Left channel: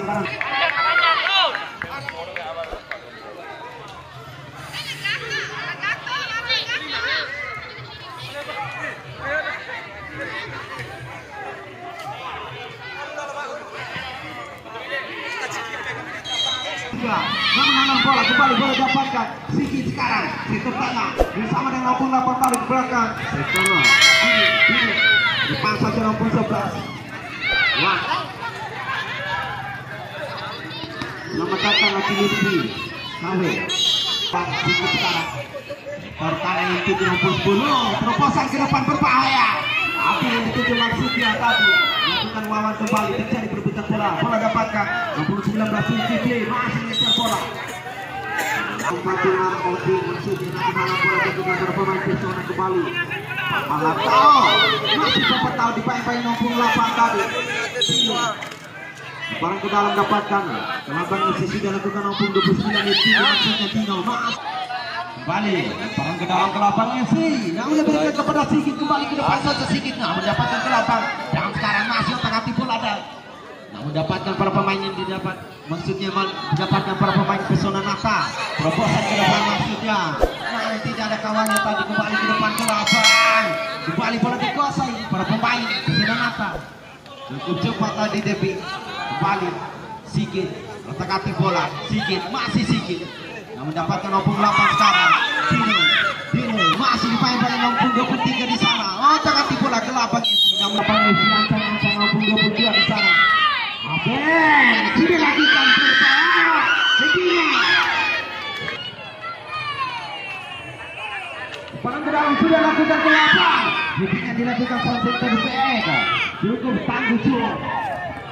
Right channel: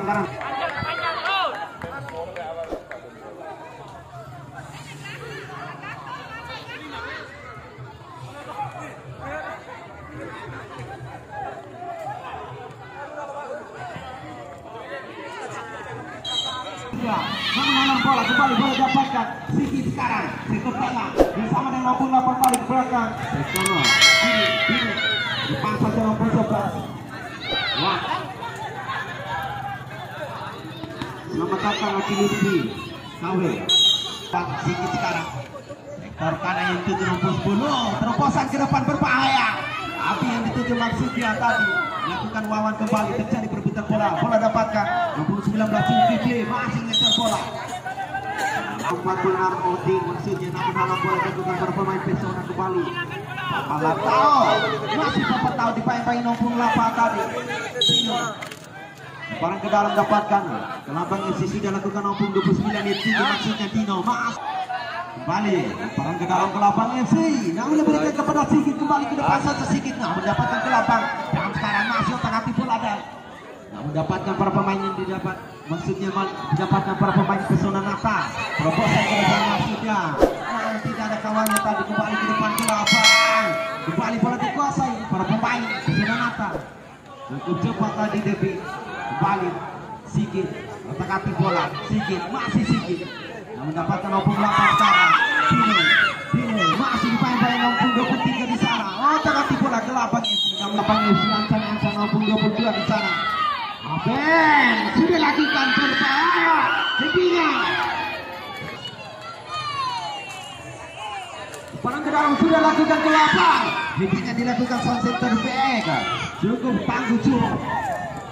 pelanggaran. Menang bola kembali, bola dapatkan Siki sekarang sektor tengah bersama dengan 68 kali ke belakang sektor ini depan saja 11. Wah, selamat datang lagi Lutfi KW Siki sekarang perkanan itu di nomor 10 terobosan ke depan berbahaya. Apa yang dituju maksudnya tadi melakukan wawan kembali terjadi perebutan bola. Bola dapatkan 19 Siki masih mengejar bola. Pembantuan Odi maksudnya namun halang bola tentukan para pemain Persona kembali. Malato masih dapat tahu dipain-pain 68 tadi. Barang ke dalam dapatkan kelabang sisi sudah lakukan 29 itu maksudnya Tino Mas kembali barang ke dalam kelabang FC yang lebih kepada Sigit kembali ke depan saja Sigit mendapatkan kelabang dan sekarang masih otak-atik bola ada mendapatkan para pemain yang didapat maksudnya mendapatkan para pemain Persona Nata terobosan ke depan maksudnya tidak ada kawannya tadi kembali ke depan kelabang kembali bola dikuasai para pemain Persona Nata cukup cepat tadi Devi kembali Sigit otak-atik bola Sigit masih Sigit yang mendapatkan 68 sekarang Dino masih dipain-pain 23 di sana otak-atik bola kelabang FC yang mendapatkan ancang-ancang 22 di sana. Aben sudah lakukan berbahaya segini barang ke dalam sudah lakukan ke lapang bikinnya dilakukan sound center BX cukup tangguh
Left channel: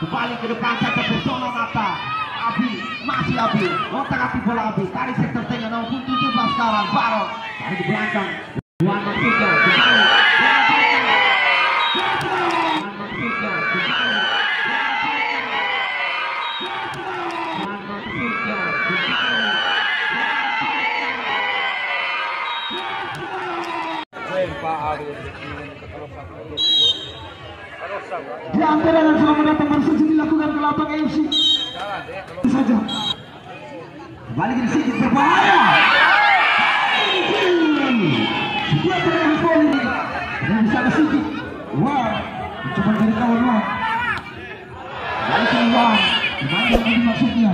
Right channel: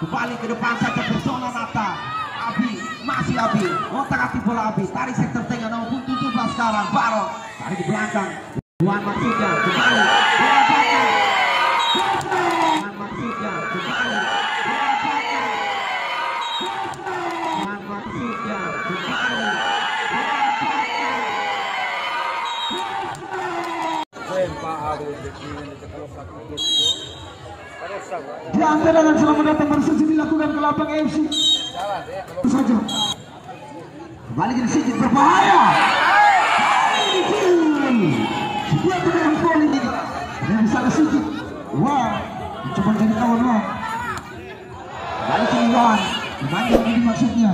kembali ke depan saja Persona Nata Abi masih Abi otak-atik bola Abi tarik sektor tengah 17 sekarang Baro tarik ke belakang Juan maksudnya kembali mendapatkan Juan maksudnya kembali di antara dengan selamat datang bersedia dilakukan ke lapang FC saja kembali ke Sigit berbahaya sebuah tendangan volley yang bisa ke Sigit wah coba jadi kawan wah kembali ke Iwan dimanjang lagi maksudnya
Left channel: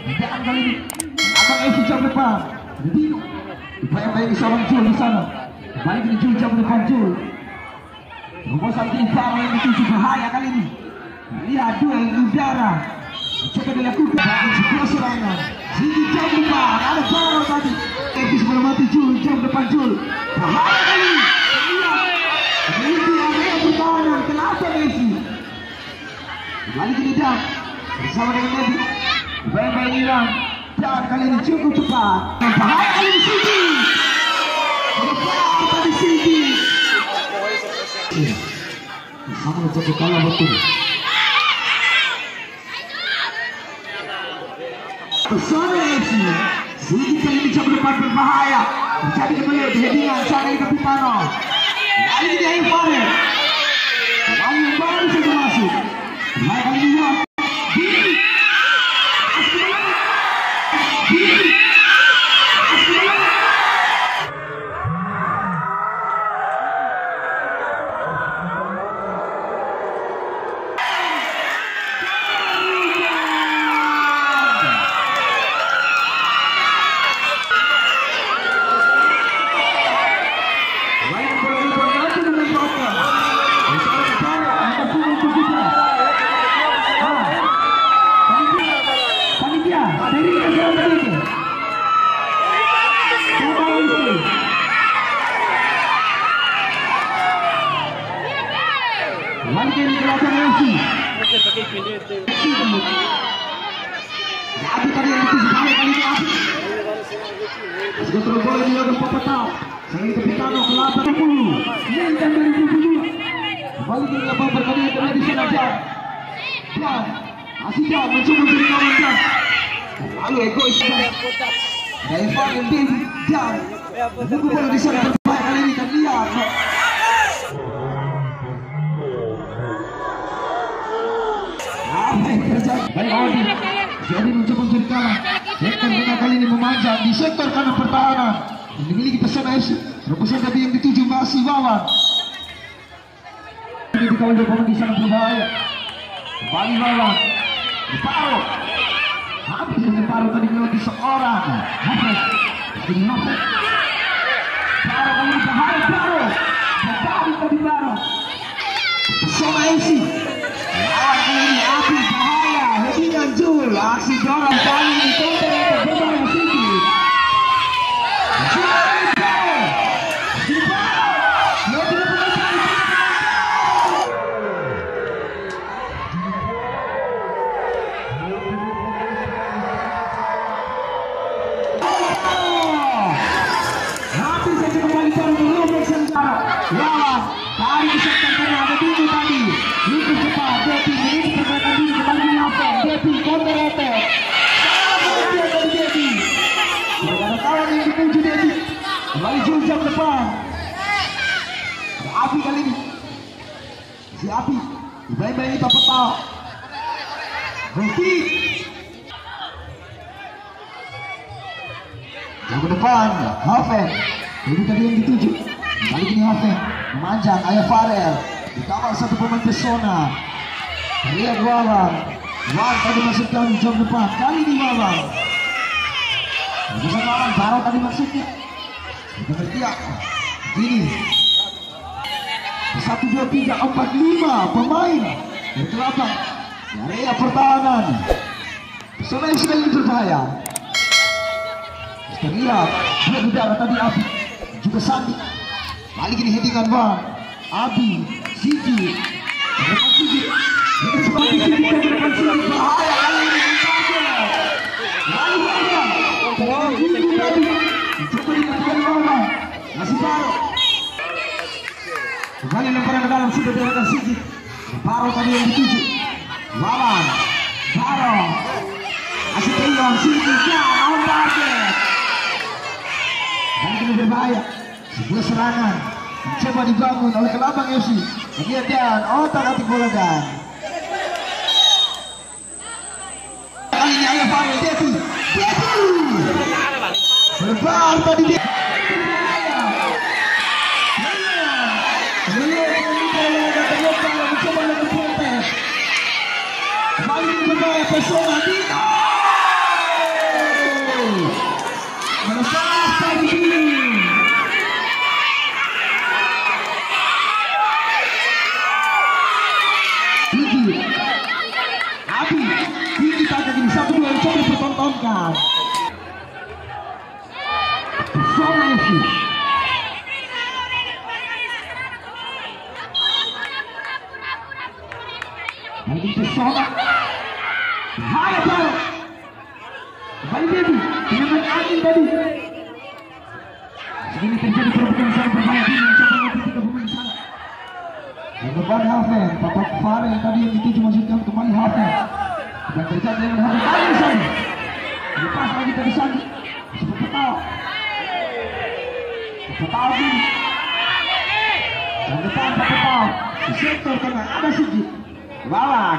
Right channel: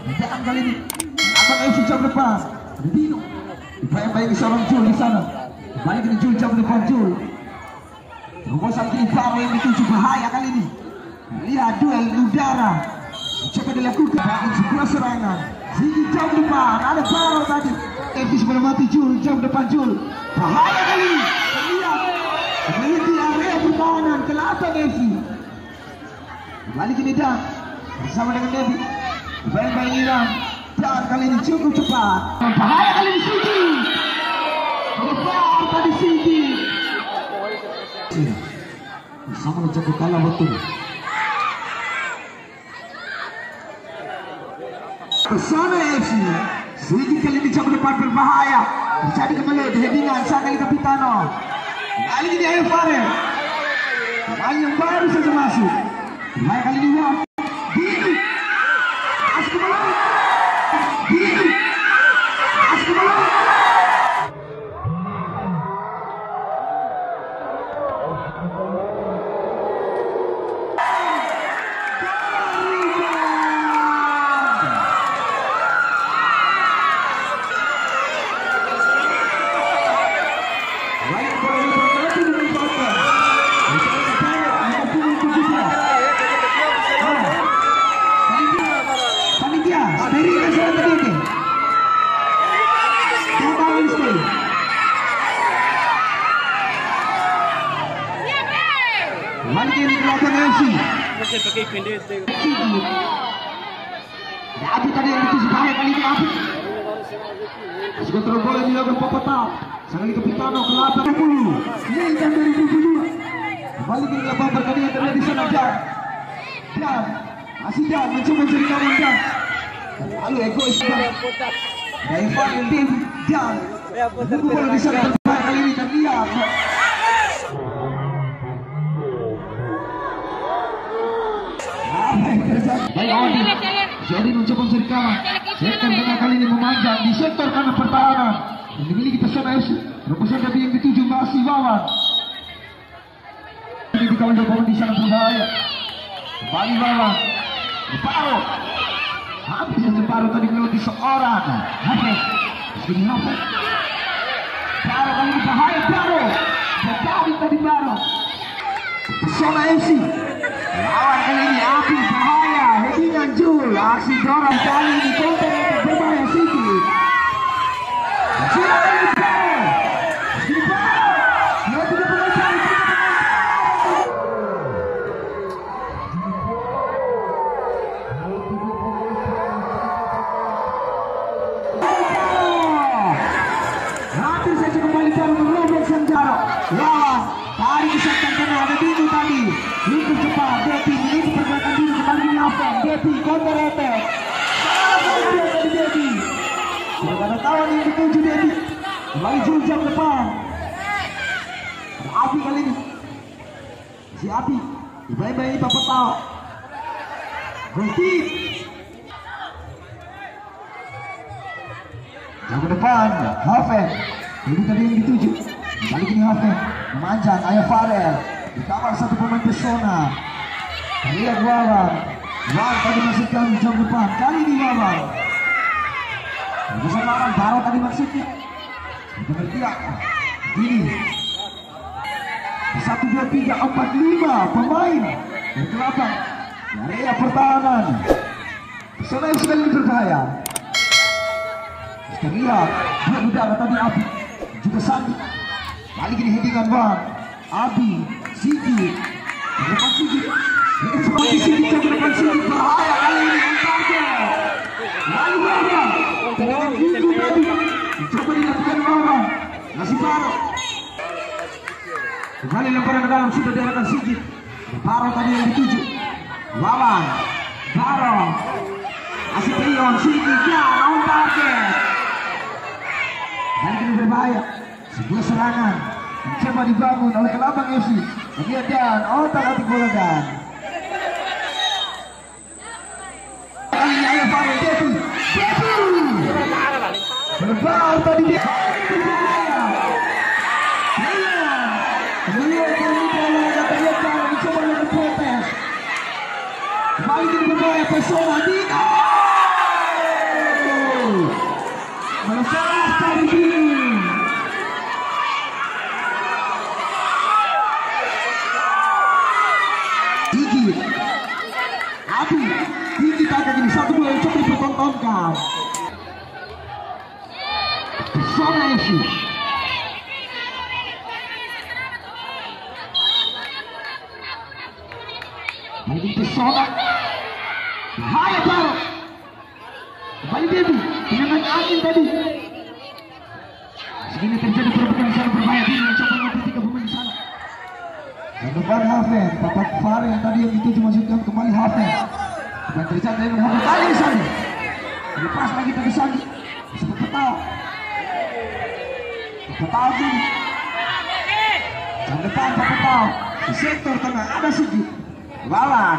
tindakan kali ini abang FC jauh depan Dino dibayang-bayang seorang Jul di sana kembali ke Jul jauh depan Jul terobosan kini Faro yang dituju bahaya kali ini lihat duel udara coba dilakukan sebuah serangan Sigi jauh depan ada Faro tadi FC sebelum mati Jul jauh depan Jul bahaya kali ini lihat memiliki area pertahanan kenapa FC kembali ke Lidah bersama dengan Devi bayang-bayang Iran dan kali ini cukup cepat bahaya kali ini Sigi berbahaya tadi Sigi sama menjadi kalah betul Persona FC Sigi kali ini jauh depan berbahaya menjadi kembali headingan Sangai Kapitano kali ini Ayo Fare kali yang baru saja masuk baik kali ini Dini Askemalai Dini Askemalai Lagi ini belakang MC. Api tadi yang itu sekali kali ini Api. Sudah terus boleh dilakukan Popetau. Sangai Kapitano ke 80. Mintan 2022. Kembali ke lapang berkali yang terjadi di sana Jan. Masih Jan mencoba menjadi kawan Jan. Lalu egois Jan. Daivan dan Devi Jan. Menunggu bola di sana kali ini kan lihat. Apa yang terjadi. Baik Odi. Odi mencoba mencari kalah. Sektor tengah kali ini memanjang di sektor kanan pertahanan. Yang dimiliki Pesona FC. Rebusan tapi yang dituju masih Wawan. Ini dikawal pemain di sana berbahaya. Kembali Wawan. Paro. Habis saja Paro tadi melewati seorang. Hafiz. Ini Hafiz. Paro kali ini bahaya Paro. Bertari tadi Paro. Pesona FC. Lawan kali ini Abi bahaya. Headingan Jul. Aksi dorong kali ini counter attack berbahaya Siki. Sudah ini Paro. Ini Paro. Dia tidak pernah cari. Habis saja kembali Paro melompat Sanjaro. Lawan. Tarik ke sektor tengah. Ada Dino tadi. Lupus cepat. Depi menuju pergerakan Dino. Kembali ini Hafen. Depi counter attack. Salah pengertian dari Depi. Tidak ada kawan yang dituju Depi. Kembali Jul jam depan. Ada Api kali ini. Si Api. Dibayi-bayi dapat tahu. Berhenti. Jauh ke depan. Hafen. Jadi tadi yang dituju. Kali ini Hafen. Memanjang Ayah Farel. Dikawal satu pemain Pesona. Lihat Wawan. Wawan tadi maksudkan jam depan. Kali ini Wawan. Rebusan Wawan. Paro tadi maksudnya. Kita bertiak. Ini 1, 2, 3, 4, 5 pemain dari Kelabang. Area pertahanan. Pesona yang sekali ini berbahaya. Kita lihat. Buat udara tadi Abi. Juga Sandi. Kali ini headingan Wan. Abi. Sigi. Depan Sigi. Ini seperti Sigi ke depan Sigi. Bahaya kali ini Antarke. Lalu Wawan. Minggu tadi. Coba dilakukan Wawan. Masih Paro. Kembali lemparan ke dalam. Sudah dilakukan Sigi. Paro tadi yang dituju. Wawan. Paro. Masih Trion. Sigi. Antarke. Dan ini berbahaya. Sebuah serangan mencoba dibangun oleh Kelabang FC. Bagian dan otak atik bola dan kali ini Ayah Farel Depi. Berlebar tadi dia. Mencoba dengan protes. Kembali ini berbahaya Pesona Dino. Melepas tadi Dino. Abi, ini kagak gini 1, 2 yang coba dipertontonkan. Pesona FC. Ini Pesona. Bahaya Paro. Kembali Devi. Dengan angin tadi. Segini terjadi perebutan di sana berbahaya. Dino mencoba mengambil 3 pemain di sana. Dan depan Hafen, Bapak Farel tadi yang dituju maksudkan kembali Hafen. Dan terjadi dengan Hafen kali ini Sandi. Lepas lagi tadi Sandi. Sebut Petau. Petau ini. Dan depan Pak Petau. Di sektor tengah ada Sigi. Wawan.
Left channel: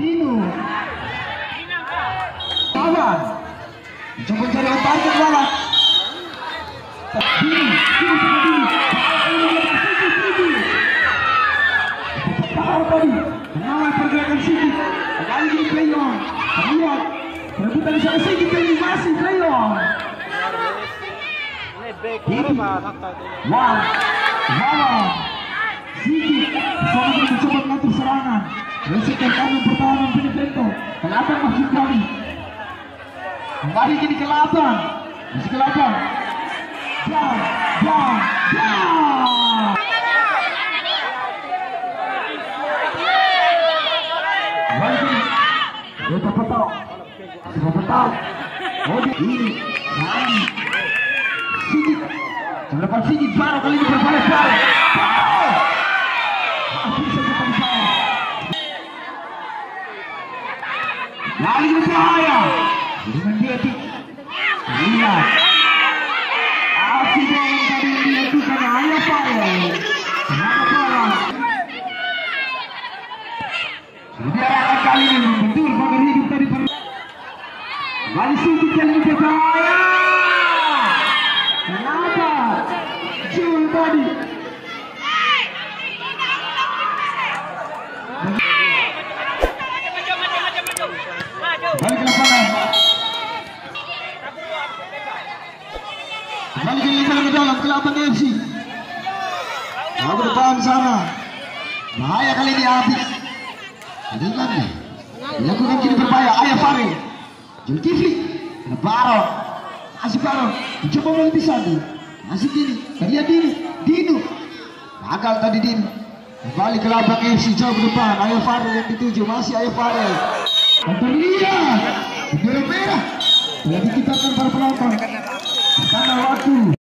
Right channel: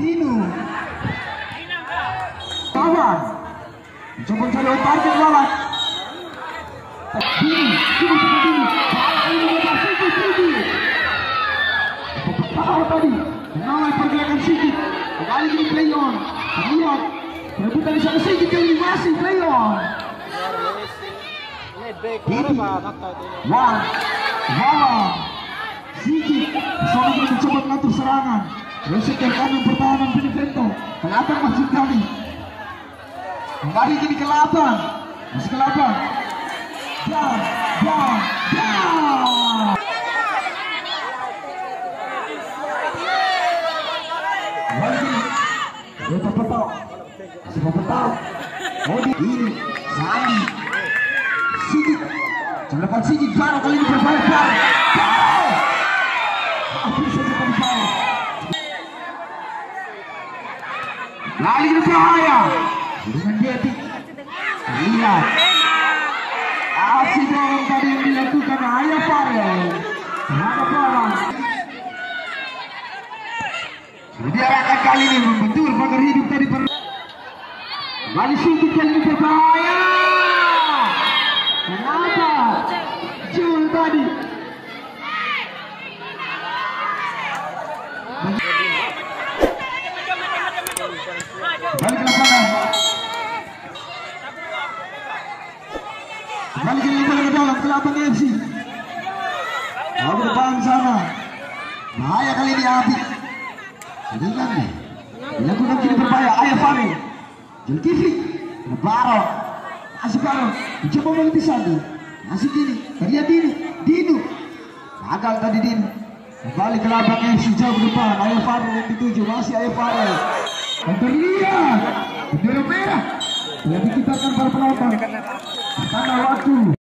Dino. Wawan. Coba cari otak ke Wawan. Dino. Dino sama Dino. Petau tadi mengawal pergerakan Sigi. Kembali di Trion. Lihat perebutan di sana Sigi kali masih Trion. Wawan. Sigi. Pesona mencoba mengatur serangan. Resisten kanan pertahanan Benevento. Kelabang masih kali. Kembali jadi Kelabang. Masih Kelabang. Jam. Kita Petau. Sudah Petau. Ini Sandi. Sigi. Lepas Sigi Paro kali ini berbahaya Paro. Habis saja Paro. Lali ini berbahaya. Dengan Depi. Lihat. Aksi dorong tadi yang dilakukan Ayah Farel. Terhadap bola. Diarahkan kali ini betul pagar hidup tadi kembali sedikit kali ini berbahaya. Kenapa Jul tadi kembali ke lapangan, kembali ke lapangan ke dalam ke lapangan FC. Nah, ke depan sana bahaya kali ini habis. Dengan dilakukan kini berbahaya. Ayah Fari Zulkifli Baron masih Baron mencoba melebih Sandi, masih kini dia Dino gagal tadi Dino. Kembali ke labang FC jauh ke depan. Ayah Fari yang dituju, masih Ayah Fari dan terlihat bendera merah telah dikibarkan para penonton. Tanda waktu